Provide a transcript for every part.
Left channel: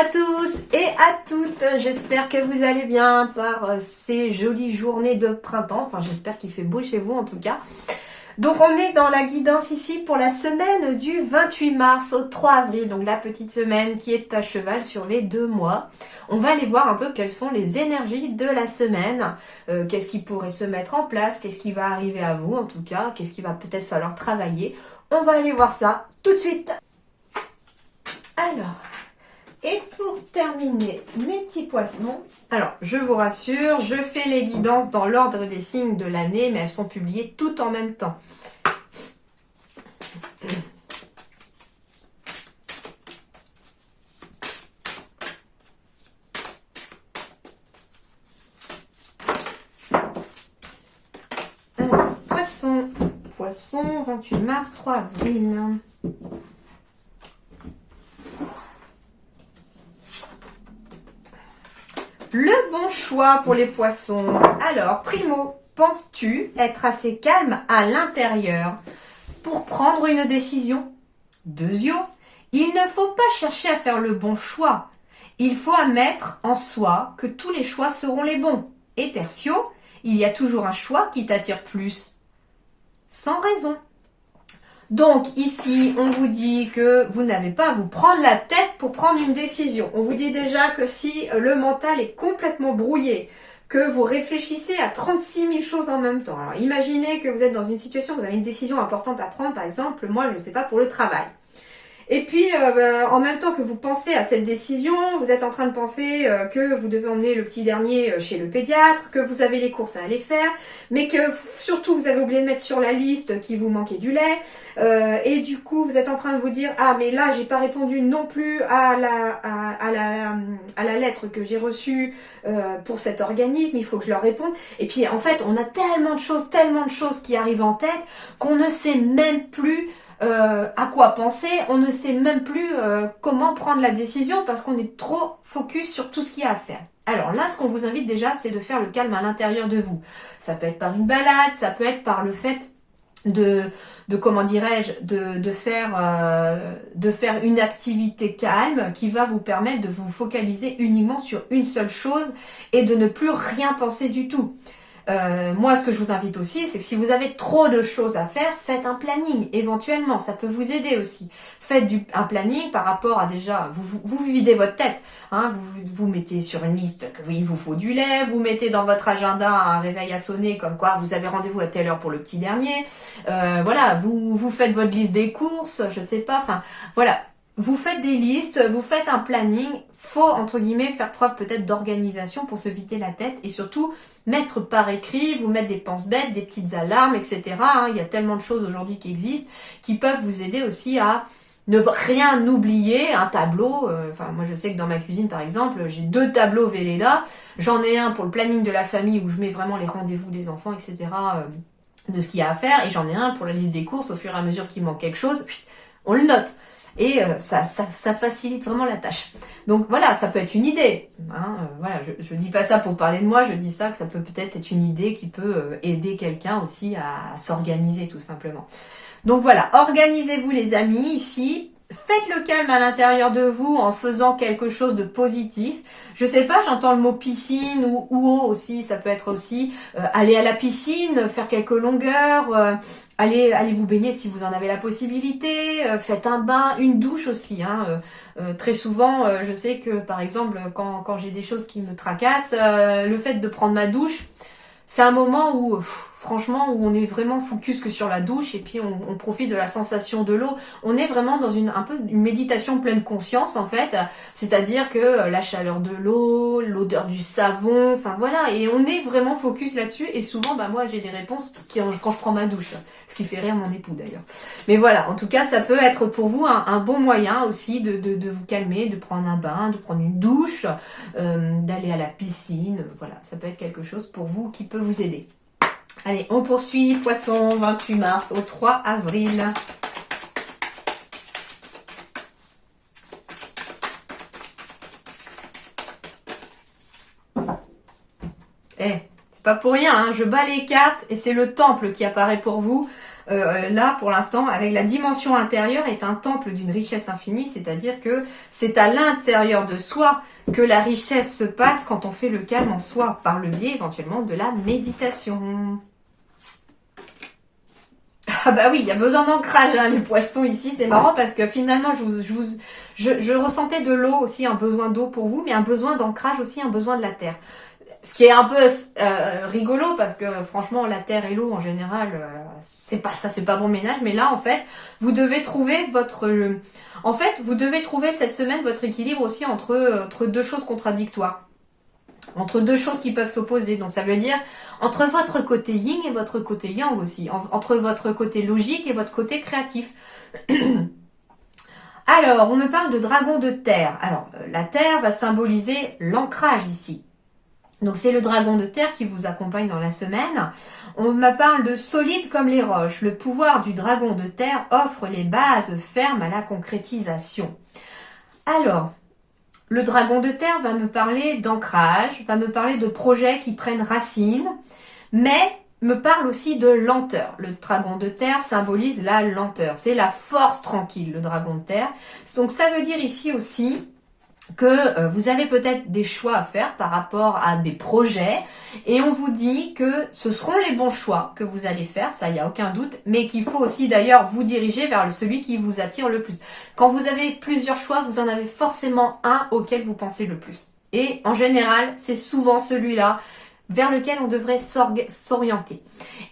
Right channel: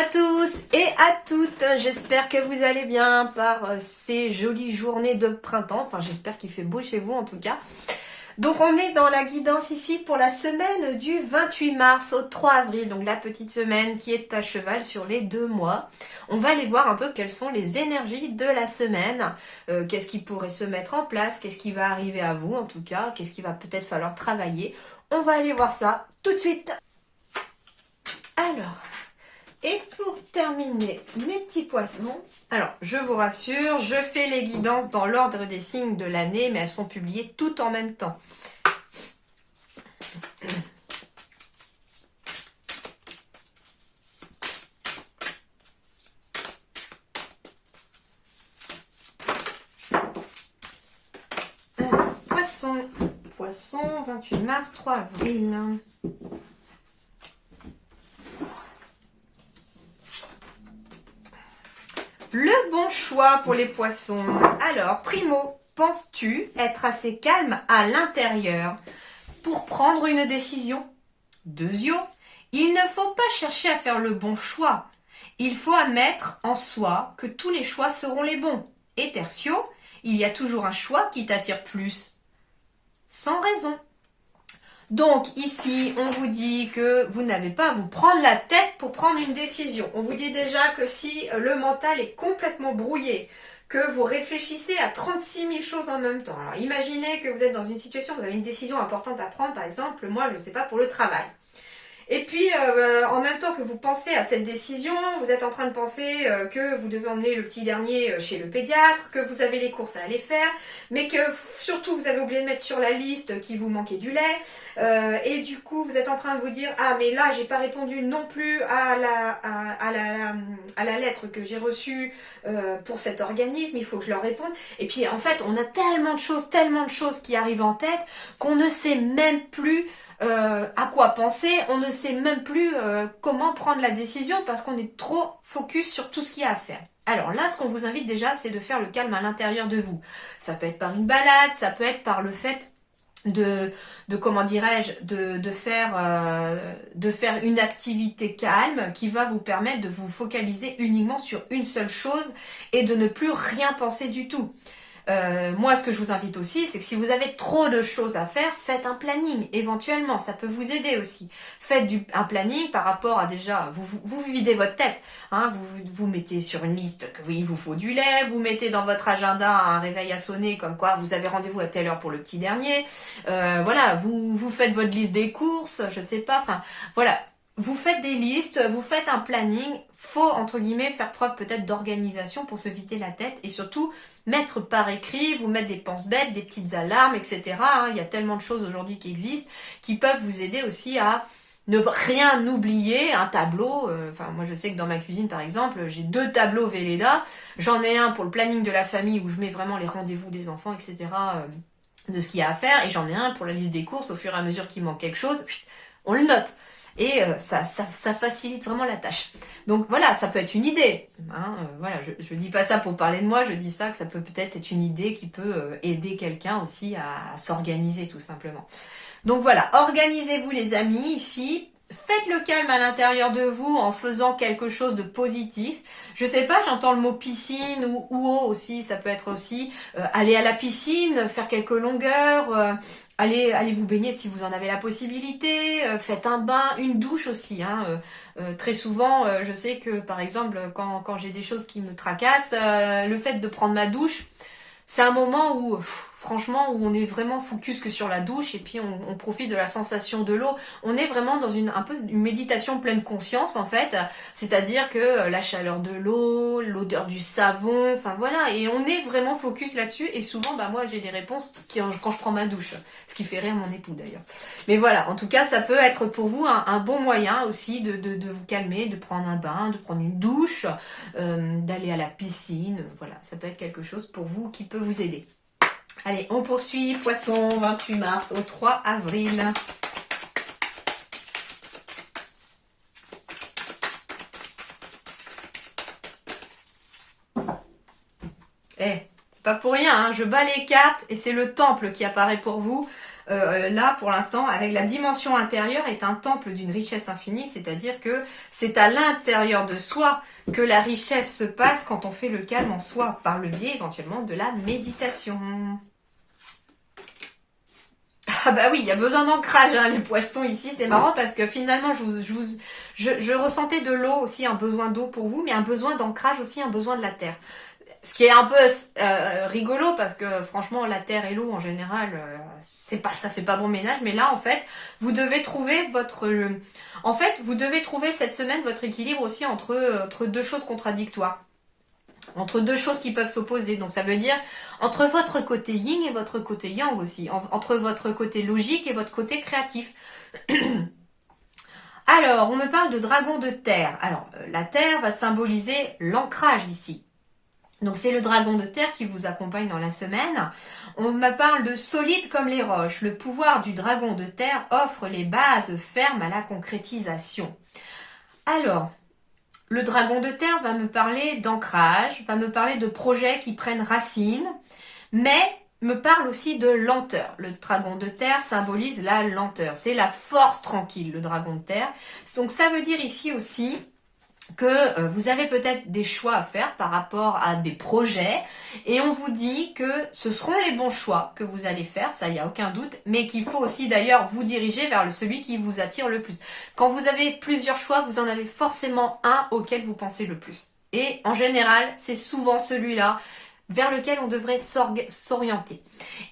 à tous et à toutes, j'espère que vous allez bien par ces jolies journées de printemps, enfin j'espère qu'il fait beau chez vous en tout cas. Donc on est dans la guidance ici pour la semaine du 28 mars au 3 avril, donc la petite semaine qui est à cheval sur les 2 mois. On va aller voir un peu quelles sont les énergies de la semaine, qu'est-ce qui pourrait se mettre en place, qu'est-ce qui va arriver à vous en tout cas, qu'est-ce qui va peut-être falloir travailler. On va aller voir ça tout de suite. Alors... Et pour terminer mes petits poissons, alors je vous rassure, je fais les guidances dans l'ordre des signes de l'année, mais elles sont publiées toutes en même temps. Alors, poisson, 28 mars, 3 avril. Le bon choix pour les poissons. Alors, primo, penses-tu être assez calme à l'intérieur pour prendre une décision? Deuxio, il ne faut pas chercher à faire le bon choix. Il faut admettre en soi que tous les choix seront les bons. Et tertio, il y a toujours un choix qui t'attire plus. Sans raison. Donc ici, on vous dit que vous n'avez pas à vous prendre la tête pour prendre une décision. On vous dit déjà que si le mental est complètement brouillé, que vous réfléchissez à 36 000 choses en même temps. Alors imaginez que vous êtes dans une situation, vous avez une décision importante à prendre, par exemple, moi je ne sais pas, pour le travail. Et puis, en même temps que vous pensez à cette décision, vous êtes en train de penser que vous devez emmener le petit dernier chez le pédiatre, que vous avez les courses à aller faire, mais que surtout vous avez oublié de mettre sur la liste qu'il vous manquait du lait. Et du coup, vous êtes en train de vous dire, ah mais là, j'ai pas répondu non plus à la lettre que j'ai reçue pour cet organisme, il faut que je leur réponde. Et puis, en fait, on a tellement de choses qui arrivent en tête qu'on ne sait même plus à quoi penser, on ne sait même plus comment prendre la décision parce qu'on est trop focus sur tout ce qu'il y a à faire. Alors là, ce qu'on vous invite déjà, c'est de faire le calme à l'intérieur de vous. Ça peut être par une balade, ça peut être par le fait de comment dirais-je, de faire une activité calme qui va vous permettre de vous focaliser uniquement sur une seule chose et de ne plus rien penser du tout. Moi, ce que je vous invite aussi, c'est que si vous avez trop de choses à faire, faites un planning, éventuellement, ça peut vous aider aussi. Faites un planning par rapport à déjà, vous videz votre tête, hein, vous mettez sur une liste qu'il vous faut du lait, vous mettez dans votre agenda un réveil à sonner, comme quoi vous avez rendez-vous à telle heure pour le petit dernier, voilà, vous faites votre liste des courses, je sais pas, enfin, voilà. Vous faites des listes, vous faites un planning, faut entre guillemets faire preuve peut-être d'organisation pour se vider la tête et surtout mettre par écrit, vous mettre des penses-bêtes, des petites alarmes, etc. Il y a tellement de choses aujourd'hui qui existent qui peuvent vous aider aussi à ne rien oublier, un tableau. Enfin, moi je sais que dans ma cuisine par exemple, j'ai 2 tableaux Velleda. J'en ai un pour le planning de la famille où je mets vraiment les rendez-vous des enfants, etc. De ce qu'il y a à faire et j'en ai un pour la liste des courses au fur et à mesure qu'il manque quelque chose, on le note. Et ça facilite vraiment la tâche. Donc voilà, ça peut être une idée. Hein, voilà, je dis pas ça pour parler de moi, je dis ça que ça peut peut-être être une idée qui peut aider quelqu'un aussi à s'organiser tout simplement. Donc voilà, organisez-vous les amis ici. Faites le calme à l'intérieur de vous en faisant quelque chose de positif. Je sais pas, j'entends le mot piscine ou eau aussi, ça peut être aussi aller à la piscine, faire quelques longueurs, allez vous baigner si vous en avez la possibilité, faites un bain, une douche aussi. Hein, très souvent, je sais que par exemple, quand j'ai des choses qui me tracassent, le fait de prendre ma douche, c'est un moment où, franchement, où on est vraiment focus que sur la douche et puis on profite de la sensation de l'eau. On est vraiment dans un peu une méditation pleine conscience en fait, c'est-à-dire que la chaleur de l'eau, l'odeur du savon, enfin voilà, et on est vraiment focus là-dessus et souvent, bah moi j'ai des réponses quand je prends ma douche, ce qui fait rire mon époux d'ailleurs. Mais voilà, en tout cas, ça peut être pour vous un bon moyen aussi de vous calmer, de prendre un bain, de prendre une douche, d'aller à la piscine, voilà, ça peut être quelque chose pour vous qui peut vous aider. Allez, on poursuit, poisson, 28 mars au 3 avril. C'est pas pour rien, hein, je bats les cartes et c'est le temple qui apparaît pour vous. là pour l'instant avec la dimension intérieure est un temple d'une richesse infinie, c'est-à-dire que c'est à l'intérieur de soi que la richesse se passe quand on fait le calme en soi, par le biais éventuellement de la méditation. Ah bah oui, il y a besoin d'ancrage, hein, les poissons ici, c'est marrant parce que finalement je ressentais de l'eau aussi, un besoin d'eau pour vous, mais un besoin d'ancrage aussi, un besoin de la terre. Ce qui est un peu rigolo parce que franchement la terre et l'eau en général ça fait pas bon ménage, mais là en fait vous devez trouver vous devez trouver cette semaine votre équilibre aussi entre deux choses contradictoires, entre deux choses qui peuvent s'opposer. Donc ça veut dire entre votre côté yin et votre côté yang aussi, entre votre côté logique et votre côté créatif. Alors on me parle de dragon de terre. Alors la terre va symboliser l'ancrage ici. Donc c'est le dragon de terre qui vous accompagne dans la semaine. On me parle de solide comme les roches. Le pouvoir du dragon de terre offre les bases fermes à la concrétisation. Alors, le dragon de terre va me parler d'ancrage, va me parler de projets qui prennent racine, mais me parle aussi de lenteur. Le dragon de terre symbolise la lenteur. C'est la force tranquille, le dragon de terre. Donc ça veut dire ici aussi que vous avez peut-être des choix à faire par rapport à des projets et on vous dit que ce seront les bons choix que vous allez faire, ça il n'y a aucun doute, mais qu'il faut aussi d'ailleurs vous diriger vers celui qui vous attire le plus. Quand vous avez plusieurs choix, vous en avez forcément un auquel vous pensez le plus. Et en général, c'est souvent celui-là vers lequel on devrait s'orienter.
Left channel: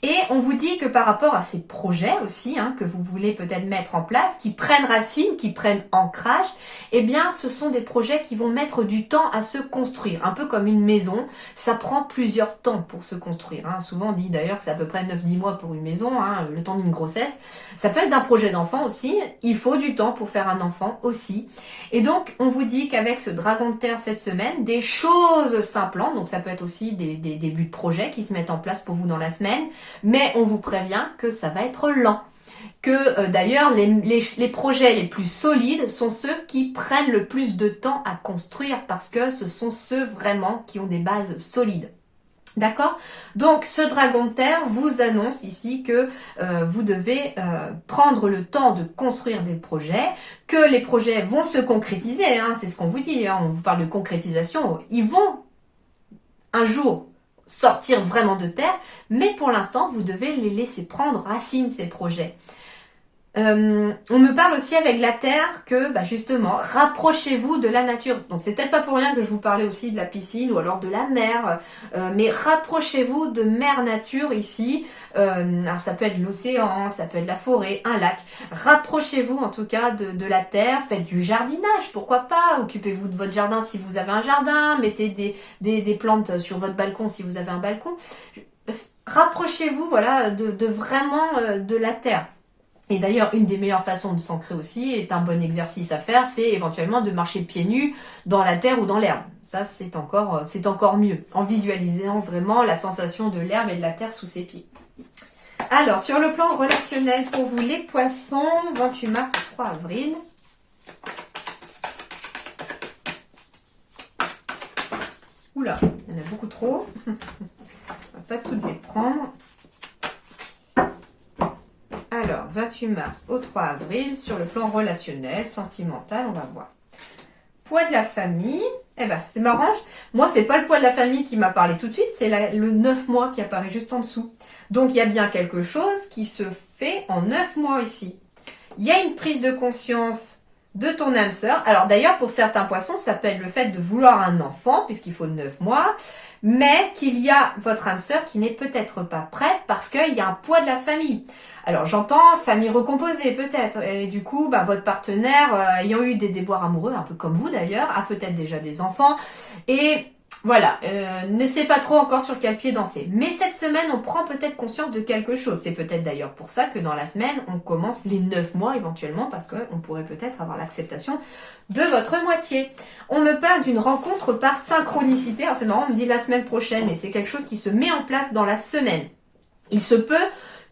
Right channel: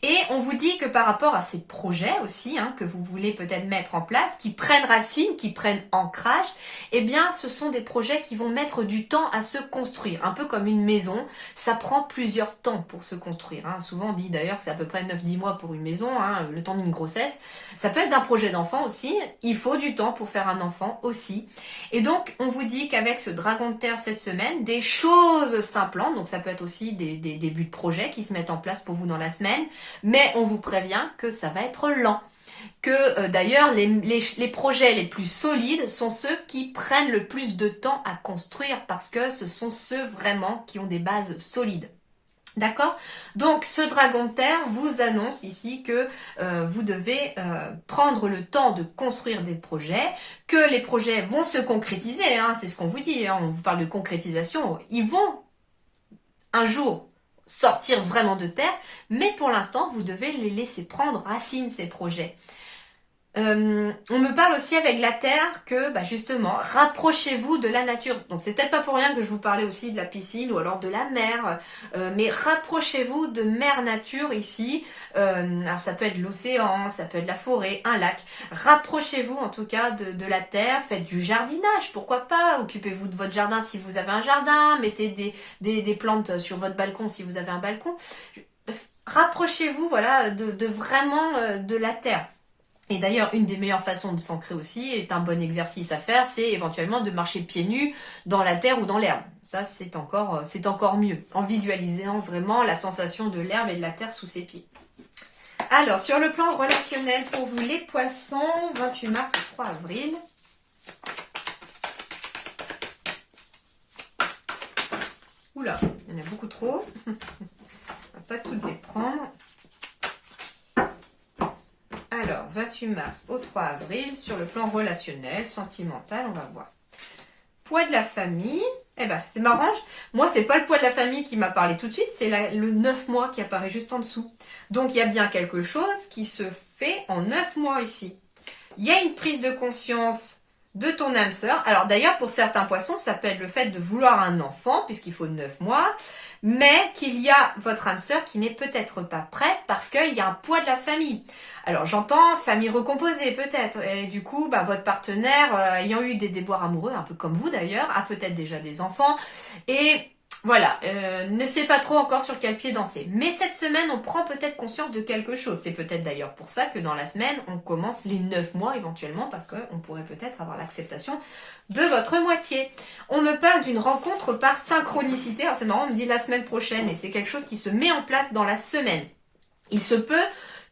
Et on vous dit que par rapport à ces projets aussi, que vous voulez peut-être mettre en place, qui prennent racine, qui prennent ancrage, eh bien ce sont des projets qui vont mettre du temps à se construire. Un peu comme une maison, ça prend plusieurs temps pour se construire. Souvent on dit d'ailleurs que c'est à peu près 9-10 mois pour une maison, le temps d'une grossesse. Ça peut être d'un projet d'enfant aussi, il faut du temps pour faire un enfant aussi. Et donc on vous dit qu'avec ce dragon de terre cette semaine, des choses s'implantent, donc ça peut être aussi des débuts de projets qui se mettent en place pour vous dans la semaine, mais on vous prévient que ça va être lent. Que d'ailleurs les projets les plus solides sont ceux qui prennent le plus de temps à construire parce que ce sont ceux vraiment qui ont des bases solides. D'accord? Donc ce dragon de terre vous annonce ici que vous devez prendre le temps de construire des projets, que les projets vont se concrétiser, c'est ce qu'on vous dit, on vous parle de concrétisation, ils vont un jour sortir vraiment de terre, mais pour l'instant, vous devez les laisser prendre racine, ces projets. On me parle aussi avec la terre que, justement, rapprochez-vous de la nature. Donc, c'est peut-être pas pour rien que je vous parlais aussi de la piscine ou alors de la mer, mais rapprochez-vous de mère nature ici. Alors, ça peut être l'océan, ça peut être la forêt, un lac. Rapprochez-vous en tout cas de la terre, faites du jardinage, pourquoi pas. Occupez-vous de votre jardin si vous avez un jardin, mettez des plantes sur votre balcon si vous avez un balcon. Rapprochez-vous, voilà, de vraiment de la terre. Et d'ailleurs, une des meilleures façons de s'ancrer aussi, est un bon exercice à faire, c'est éventuellement de marcher pieds nus dans la terre ou dans l'herbe. Ça, c'est encore mieux, en visualisant vraiment la sensation de l'herbe et de la terre sous ses pieds. Alors, sur le plan relationnel, pour vous les poissons, 28 mars au 3 avril. Oula, il y en a beaucoup trop. On va pas toutes les prendre. Alors, 28 mars au 3 avril, sur le plan relationnel, sentimental, on va voir. Poids de la famille, c'est marrant, moi c'est pas le poids de la famille qui m'a parlé tout de suite, c'est le 9 mois qui apparaît juste en dessous. Donc il y a bien quelque chose qui se fait en 9 mois ici. Il y a une prise de conscience de ton âme sœur. Alors d'ailleurs pour certains poissons, ça peut être le fait de vouloir un enfant, puisqu'il faut 9 mois, mais qu'il y a votre âme sœur qui n'est peut-être pas prête parce qu'il y a un poids de la famille. Alors j'entends famille recomposée peut-être, et du coup votre partenaire ayant eu des déboires amoureux, un peu comme vous d'ailleurs, a peut-être déjà des enfants, et voilà, ne sait pas trop encore sur quel pied danser. Mais cette semaine, on prend peut-être conscience de quelque chose. C'est peut-être d'ailleurs pour ça que dans la semaine, on commence les 9 mois éventuellement, parce qu'on pourrait peut-être avoir l'acceptation de votre moitié. On me parle d'une rencontre par synchronicité. Alors c'est marrant, on me dit la semaine prochaine, et c'est quelque chose qui se met en place dans la semaine. Il se peut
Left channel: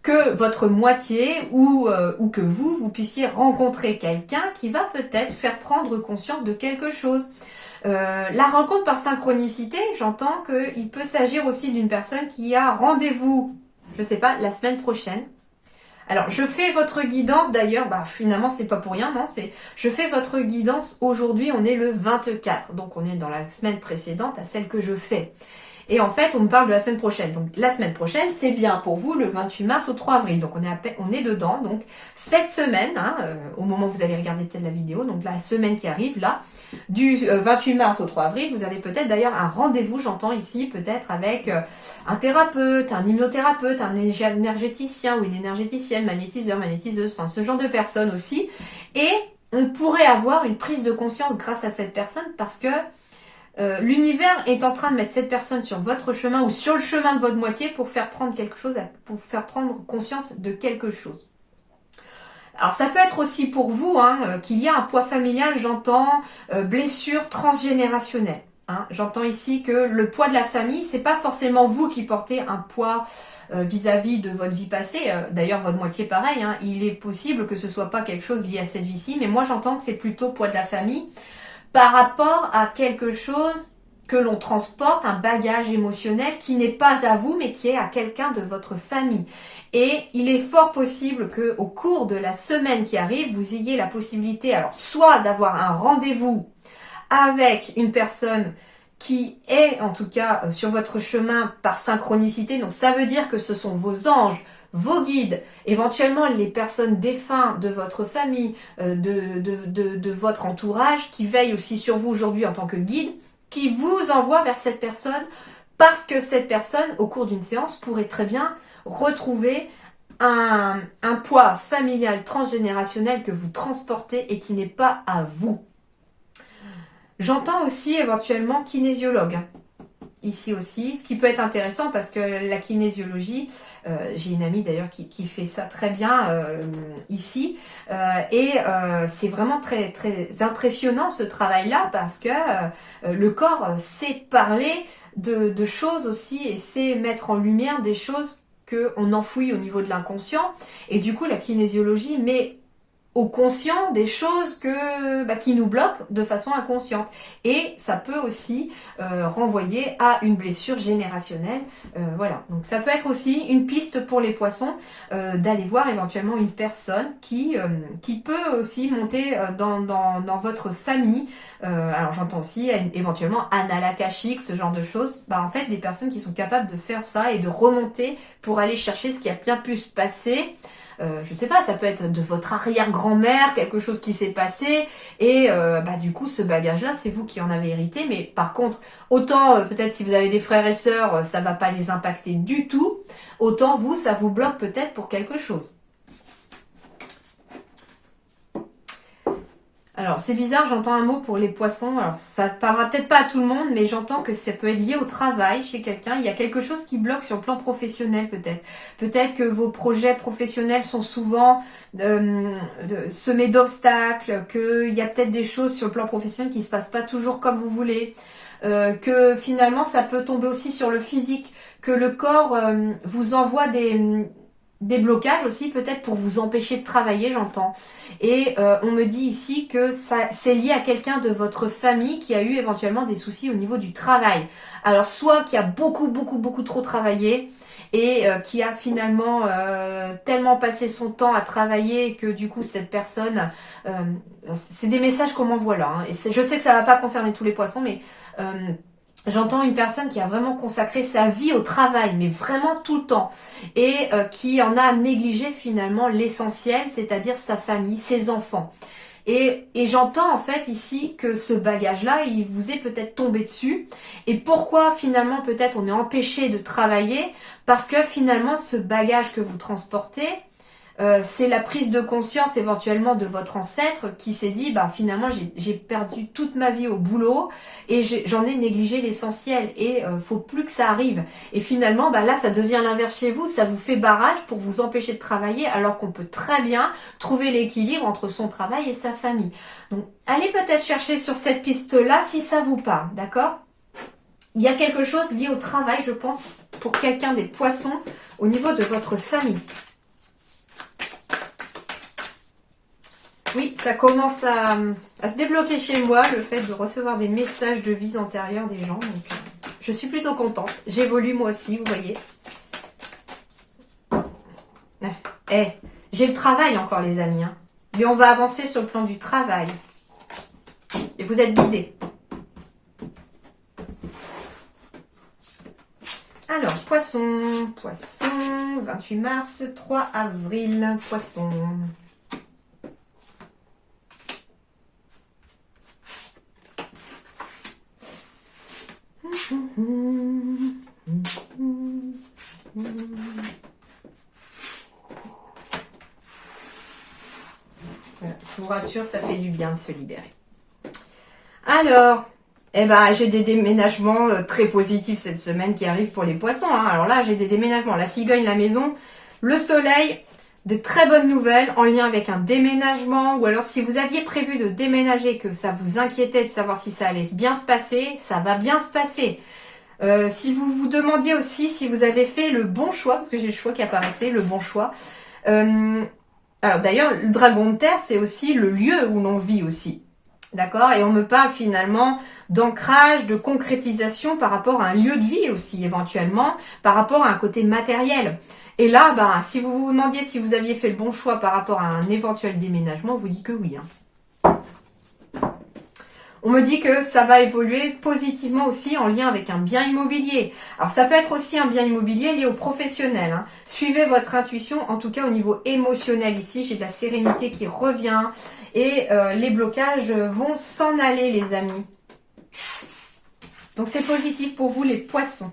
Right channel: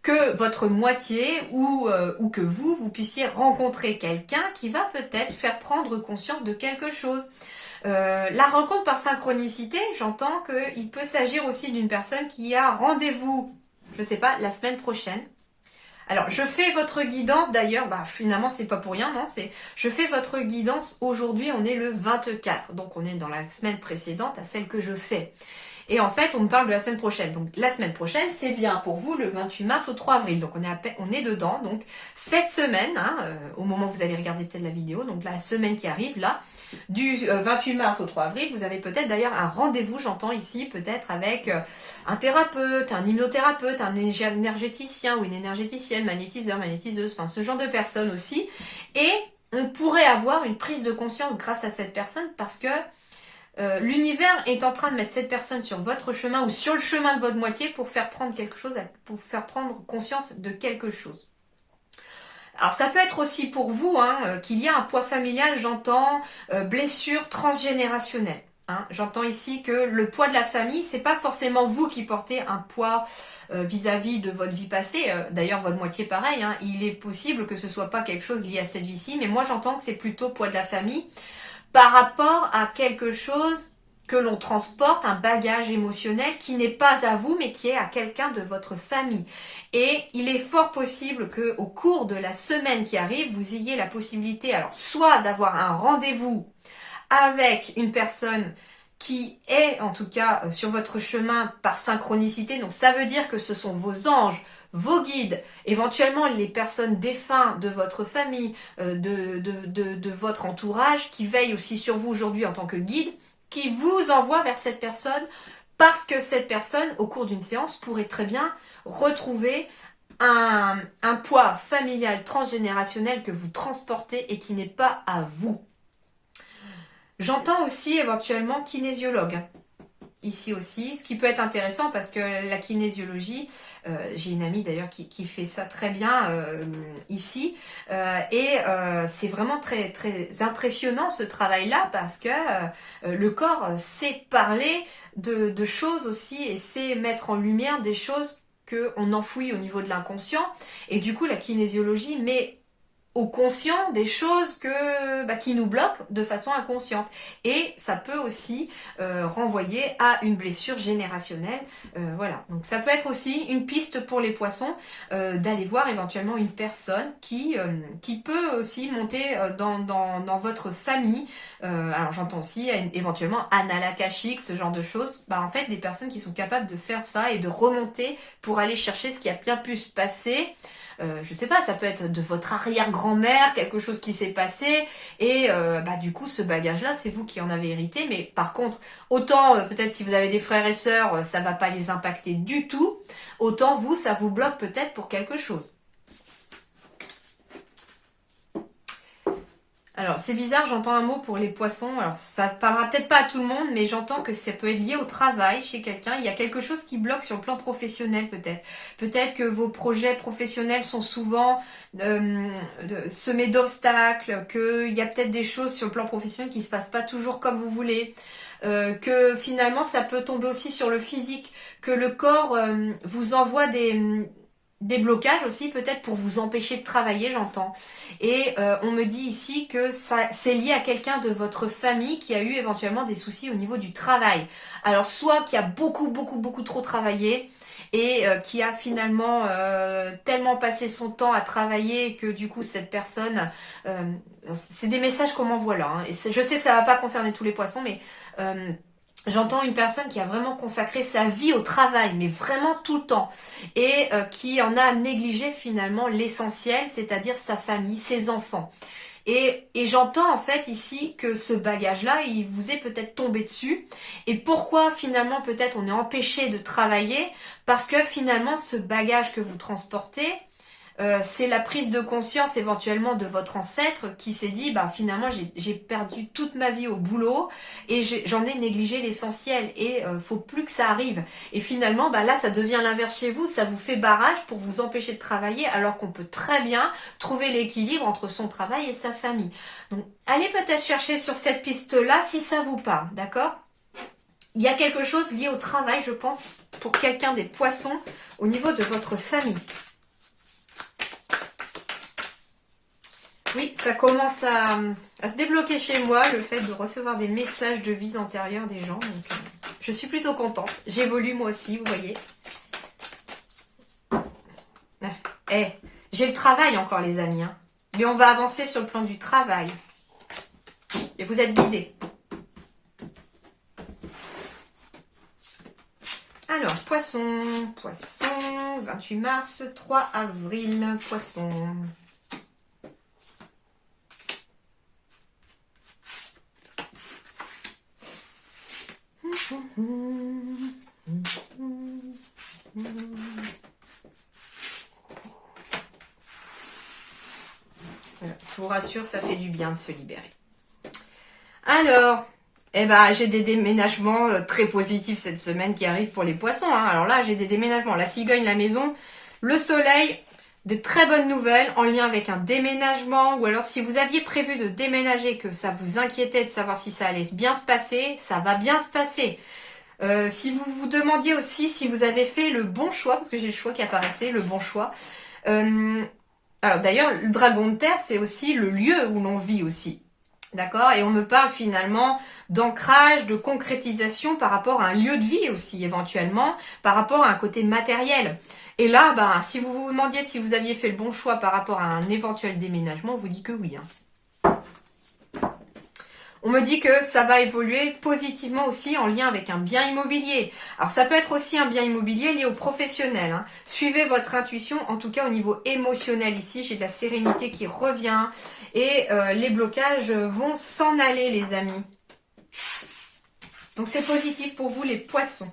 que votre moitié ou que vous puissiez rencontrer quelqu'un qui va peut-être faire prendre conscience de quelque chose. La rencontre par synchronicité, j'entends qu'il peut s'agir aussi d'une personne qui a rendez-vous, je sais pas, la semaine prochaine, Alors, je fais votre guidance, d'ailleurs, finalement, c'est pas pour rien, non, je fais votre guidance aujourd'hui, on est le 24, donc on est dans la semaine précédente à celle que je fais. Et en fait, on me parle de la semaine prochaine. Donc, la semaine prochaine, c'est bien pour vous, le 28 mars au 3 avril. Donc, on est dedans. Donc, cette semaine, au moment où vous allez regarder peut-être la vidéo, donc la semaine qui arrive, là, du 28 mars au 3 avril, vous avez peut-être d'ailleurs un rendez-vous, j'entends ici, peut-être avec un thérapeute, un hypnothérapeute, un énergéticien ou une énergéticienne, magnétiseur, magnétiseuse, enfin, ce genre de personnes aussi. Et on pourrait avoir une prise de conscience grâce à cette personne parce que l'univers est en train de mettre cette personne sur votre chemin ou sur le chemin de votre moitié pour faire prendre quelque chose, pour faire prendre conscience de quelque chose. Alors ça peut être aussi pour vous qu'il y a un poids familial, j'entends blessure transgénérationnelle. J'entends ici que le poids de la famille, c'est pas forcément vous qui portez un poids vis-à-vis de votre vie passée. D'ailleurs, votre moitié pareil. Il est possible que ce soit pas quelque chose lié à cette vie-ci, mais moi j'entends que c'est plutôt poids de la famille par rapport à quelque chose que l'on transporte, un bagage émotionnel qui n'est pas à vous, mais qui est à quelqu'un de votre famille. Et il est fort possible qu'au cours de la semaine qui arrive, vous ayez la possibilité, alors soit d'avoir un rendez-vous avec une personne qui est en tout cas sur votre chemin par synchronicité, donc ça veut dire que ce sont vos anges, vos guides, éventuellement les personnes défuntes de votre famille, de votre entourage, qui veillent aussi sur vous aujourd'hui en tant que guide, qui vous envoient vers cette personne, parce que cette personne, au cours d'une séance, pourrait très bien retrouver un poids familial transgénérationnel que vous transportez et qui n'est pas à vous. J'entends aussi éventuellement kinésiologue. Ici aussi, ce qui peut être intéressant parce que la kinésiologie, j'ai une amie d'ailleurs qui fait ça très bien ici, et c'est vraiment très très impressionnant ce travail-là parce que le corps sait parler de choses aussi et sait mettre en lumière des choses qu'on enfouit au niveau de l'inconscient, et du coup la kinésiologie met au conscient des choses qui nous bloquent de façon inconsciente. Et ça peut aussi renvoyer à une blessure générationnelle. Voilà. Donc ça peut être aussi une piste pour les poissons d'aller voir éventuellement une personne qui peut aussi monter dans votre famille. Alors j'entends aussi éventuellement Anna Akashique, ce genre de choses. En fait, des personnes qui sont capables de faire ça et de remonter pour aller chercher ce qui a bien pu se passer. Je sais pas, ça peut être de votre arrière-grand-mère, quelque chose qui s'est passé, et du coup ce bagage-là, c'est vous qui en avez hérité, mais par contre, autant peut-être si vous avez des frères et sœurs, ça va pas les impacter du tout, autant vous, ça vous bloque peut-être pour quelque chose. Alors, c'est bizarre, j'entends un mot pour les poissons. Alors, ça ne parlera peut-être pas à tout le monde, mais j'entends que ça peut être lié au travail chez quelqu'un. Il y a quelque chose qui bloque sur le plan professionnel, peut-être. Peut-être que vos projets professionnels sont souvent semés d'obstacles, qu'il y a peut-être des choses sur le plan professionnel qui ne se passent pas toujours comme vous voulez. Que finalement, ça peut tomber aussi sur le physique. Que le corps vous envoie des blocages aussi peut-être pour vous empêcher de travailler, j'entends. Et on me dit ici que c'est lié à quelqu'un de votre famille qui a eu éventuellement des soucis au niveau du travail. Alors soit qui a beaucoup trop travaillé et qui a finalement tellement passé son temps à travailler que du coup cette personne, c'est des messages qu'on m'envoie là. Et je sais que ça va pas concerner tous les poissons, mais j'entends une personne qui a vraiment consacré sa vie au travail, mais vraiment tout le temps, et qui en a négligé finalement l'essentiel, c'est-à-dire sa famille, ses enfants. Et j'entends en fait ici que ce bagage-là, il vous est peut-être tombé dessus. Et pourquoi finalement peut-être on est empêché de travailler? Parce que finalement ce bagage que vous transportez, c'est la prise de conscience éventuellement de votre ancêtre qui s'est dit finalement j'ai perdu toute ma vie au boulot et j'en ai négligé l'essentiel et faut plus que ça arrive. Et finalement là ça devient l'inverse chez vous, ça vous fait barrage pour vous empêcher de travailler alors qu'on peut très bien trouver l'équilibre entre son travail et sa famille. Donc allez peut-être chercher sur cette piste-là si ça vous parle, d'accord? Il y a quelque chose lié au travail, je pense, pour quelqu'un des poissons au niveau de votre famille. Oui, ça commence à se débloquer chez moi, le fait de recevoir des messages de vies antérieures des gens. Donc, je suis plutôt contente. J'évolue moi aussi, vous voyez. J'ai le travail encore, les amis. Hein. Mais on va avancer sur le plan du travail. Et vous êtes guidés. Alors, poisson, 28 mars, 3 avril, poisson. Voilà, je vous rassure, ça fait du bien de se libérer. Alors, j'ai des déménagements très positifs cette semaine qui arrivent pour les poissons. Hein. Alors là, j'ai des déménagements. La cigogne, la maison, le soleil, des très bonnes nouvelles en lien avec un déménagement. Ou alors, si vous aviez prévu de déménager, que ça vous inquiétait de savoir si ça allait bien se passer, ça va bien se passer. Si vous vous demandiez aussi si vous avez fait le bon choix, parce que j'ai le choix qui apparaissait, le bon choix. Alors d'ailleurs, le dragon de terre, c'est aussi le lieu où l'on vit aussi. D'accord? Et on me parle finalement d'ancrage, de concrétisation par rapport à un lieu de vie aussi, éventuellement, par rapport à un côté matériel. Et là, si vous vous demandiez si vous aviez fait le bon choix par rapport à un éventuel déménagement, on vous dit que oui. Hein. On me dit que ça va évoluer positivement aussi en lien avec un bien immobilier. Alors ça peut être aussi un bien immobilier lié au professionnel. Hein. Suivez votre intuition, en tout cas au niveau émotionnel ici. J'ai de la sérénité qui revient et les blocages vont s'en aller, les amis. Donc c'est positif pour vous, les poissons.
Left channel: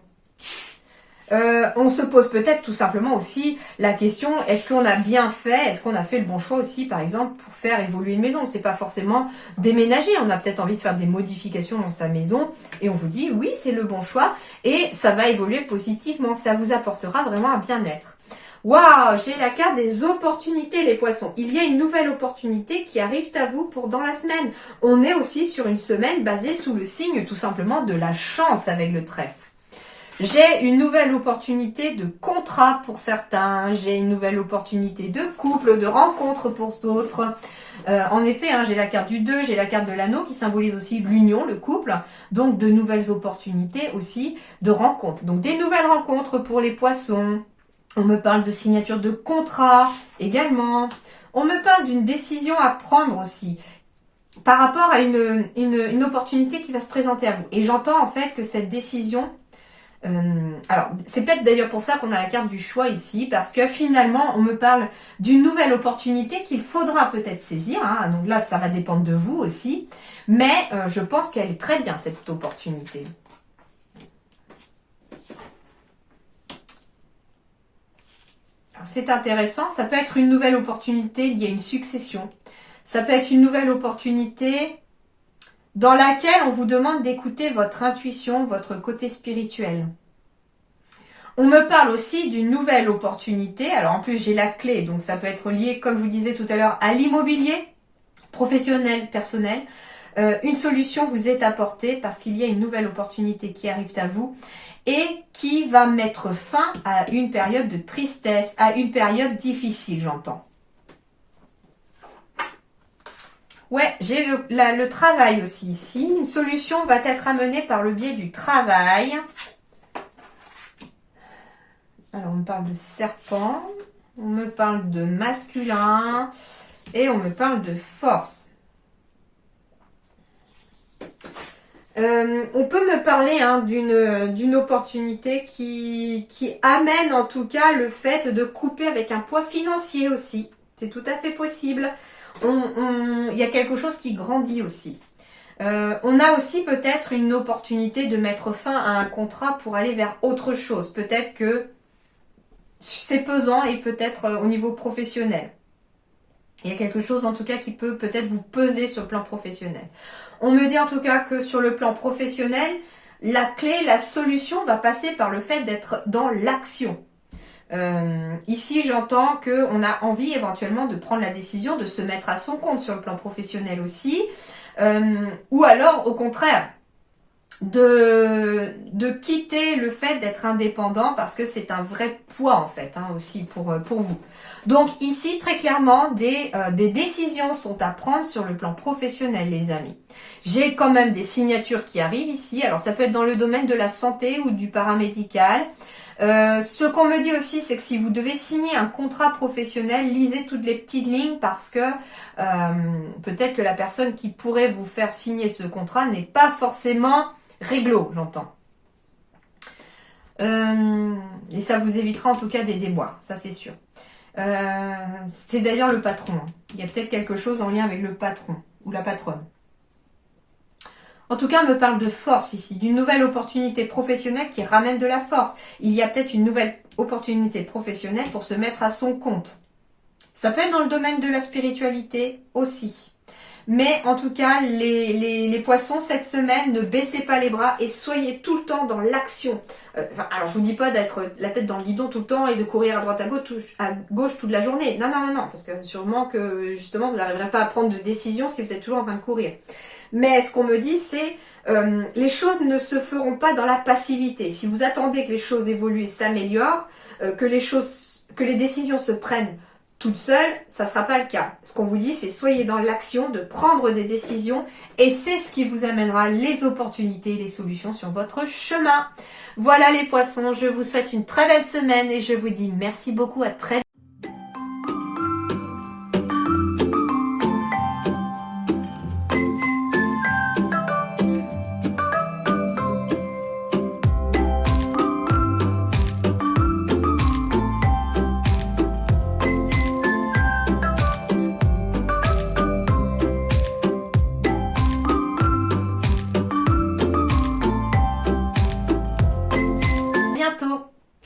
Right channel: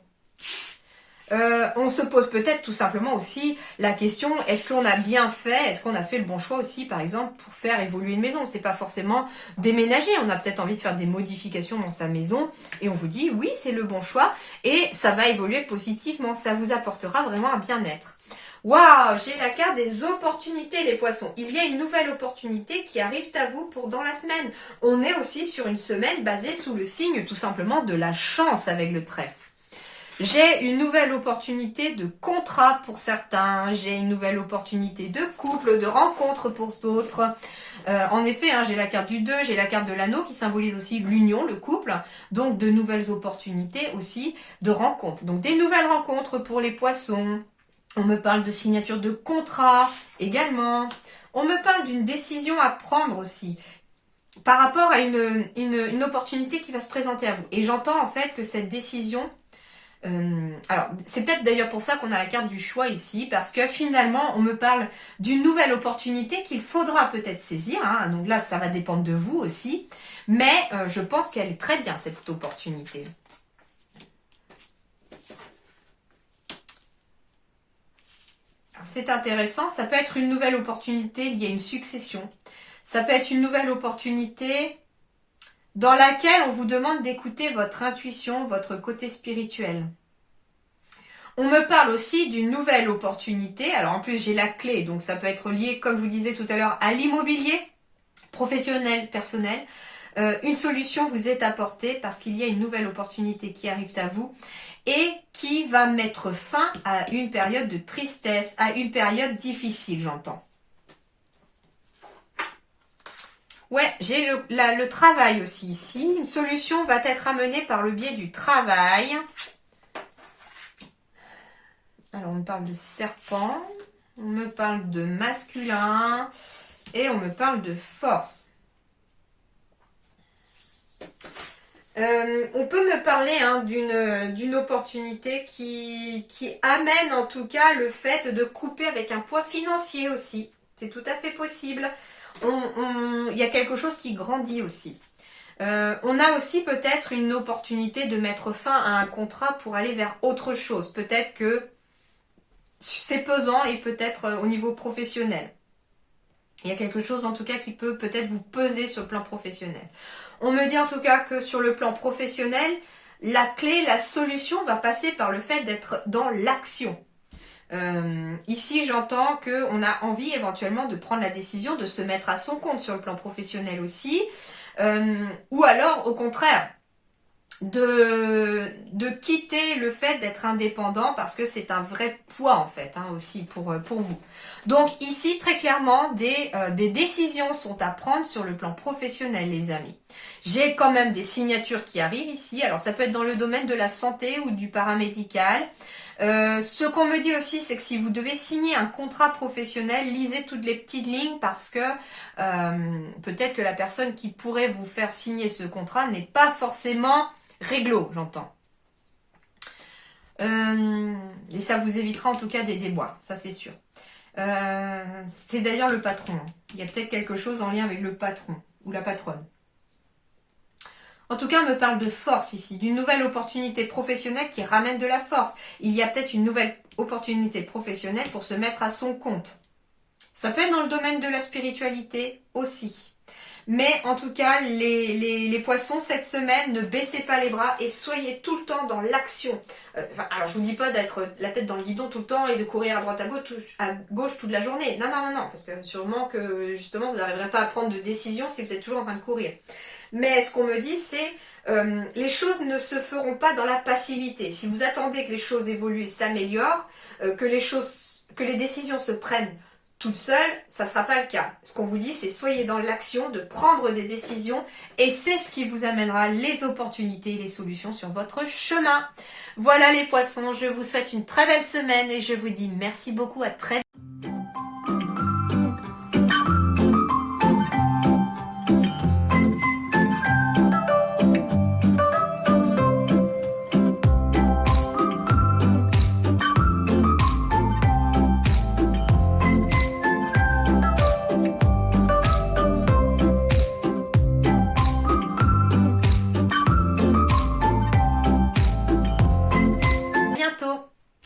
On se pose peut-être tout simplement aussi la question, est-ce qu'on a bien fait, est-ce qu'on a fait le bon choix aussi, par exemple, pour faire évoluer une maison? C'est pas forcément déménager, on a peut-être envie de faire des modifications dans sa maison, et on vous dit, oui, c'est le bon choix, et ça va évoluer positivement, ça vous apportera vraiment un bien-être. Waouh, j'ai la carte des opportunités, les poissons. Il y a une nouvelle opportunité qui arrive à vous pour dans la semaine. On est aussi sur une semaine basée sous le signe, tout simplement, de la chance avec le trèfle. J'ai une nouvelle opportunité de contrat pour certains, j'ai une nouvelle opportunité de couple, de rencontre pour d'autres. En effet, hein, j'ai la carte du 2, j'ai la carte de l'anneau qui symbolise aussi l'union, le couple. Donc de nouvelles opportunités aussi de rencontres. Donc des nouvelles rencontres pour les poissons. On me parle de signature de contrat également. On me parle d'une décision à prendre aussi par rapport à une opportunité qui va se présenter à vous. Et j'entends en fait que cette décision... alors, c'est peut-être d'ailleurs pour ça qu'on a la carte du choix ici, parce que finalement, on me parle d'une nouvelle opportunité qu'il faudra peut-être saisir. Hein, donc là, ça va dépendre de vous aussi. Mais je pense qu'elle est très bien, cette opportunité. C'est intéressant, ça peut être une nouvelle opportunité liée à une succession. Ça peut être une nouvelle opportunité dans laquelle on vous demande d'écouter votre intuition, votre côté spirituel. On me parle aussi d'une nouvelle opportunité. Alors en plus, j'ai la clé, donc ça peut être lié, comme je vous disais tout à l'heure, à l'immobilier, professionnel, personnel. Une solution vous est apportée parce qu'il y a une nouvelle opportunité qui arrive à vous et qui va mettre fin à une période de tristesse, à une période difficile, j'entends. Ouais, j'ai le travail aussi ici. Une solution va être amenée par le biais du travail. Alors, on me parle de serpent, on me parle de masculin et on me parle de force. On peut me parler d'une opportunité qui amène en tout cas le fait de couper avec un poids financier aussi. C'est tout à fait possible. Il y a quelque chose qui grandit aussi. On a aussi peut-être une opportunité de mettre fin à un contrat pour aller vers autre chose. Peut-être que c'est pesant et peut-être au niveau professionnel. Il y a quelque chose en tout cas qui peut peut-être vous peser sur le plan professionnel. On me dit en tout cas que sur le plan professionnel, la clé, la solution va passer par le fait d'être dans l'action. Ici, j'entends qu'on a envie éventuellement de prendre la décision de se mettre à son compte sur le plan professionnel aussi. Ou alors, au contraire, de quitter le fait d'être indépendant parce que c'est un vrai poids en fait aussi pour vous. Donc ici très clairement des décisions sont à prendre sur le plan professionnel les amis. J'ai quand même des signatures qui arrivent ici, alors ça peut être dans le domaine de la santé ou du paramédical. Ce qu'on me dit aussi, c'est que si vous devez signer un contrat professionnel, lisez toutes les petites lignes parce que peut-être que la personne qui pourrait vous faire signer ce contrat n'est pas forcément réglo, j'entends. Et ça vous évitera en tout cas des déboires, ça c'est sûr. C'est d'ailleurs le patron. Hein. Il y a peut-être quelque chose en lien avec le patron ou la patronne. En tout cas, on me parle de force ici, d'une nouvelle opportunité professionnelle qui ramène de la force. Il y a peut-être une nouvelle opportunité professionnelle pour se mettre à son compte. Ça peut être dans le domaine de la spiritualité aussi. Mais en tout cas, les poissons, cette semaine, ne baissez pas les bras et soyez tout le temps dans l'action. Alors, je vous dis pas d'être la tête dans le guidon tout le temps et de courir à droite à gauche toute la journée. Non, parce que sûrement que justement, vous n'arriverez pas à prendre de décision si vous êtes toujours en train de courir. Mais ce qu'on me dit, c'est les choses ne se feront pas dans la passivité. Si vous attendez que les choses évoluent et s'améliorent, que les décisions se prennent toute seule, ça ne sera pas le cas. Ce qu'on vous dit, c'est soyez dans l'action de prendre des décisions et c'est ce qui vous amènera les opportunités et les solutions sur votre chemin. Voilà les poissons, je vous souhaite une très belle semaine et je vous dis merci beaucoup, à très bientôt.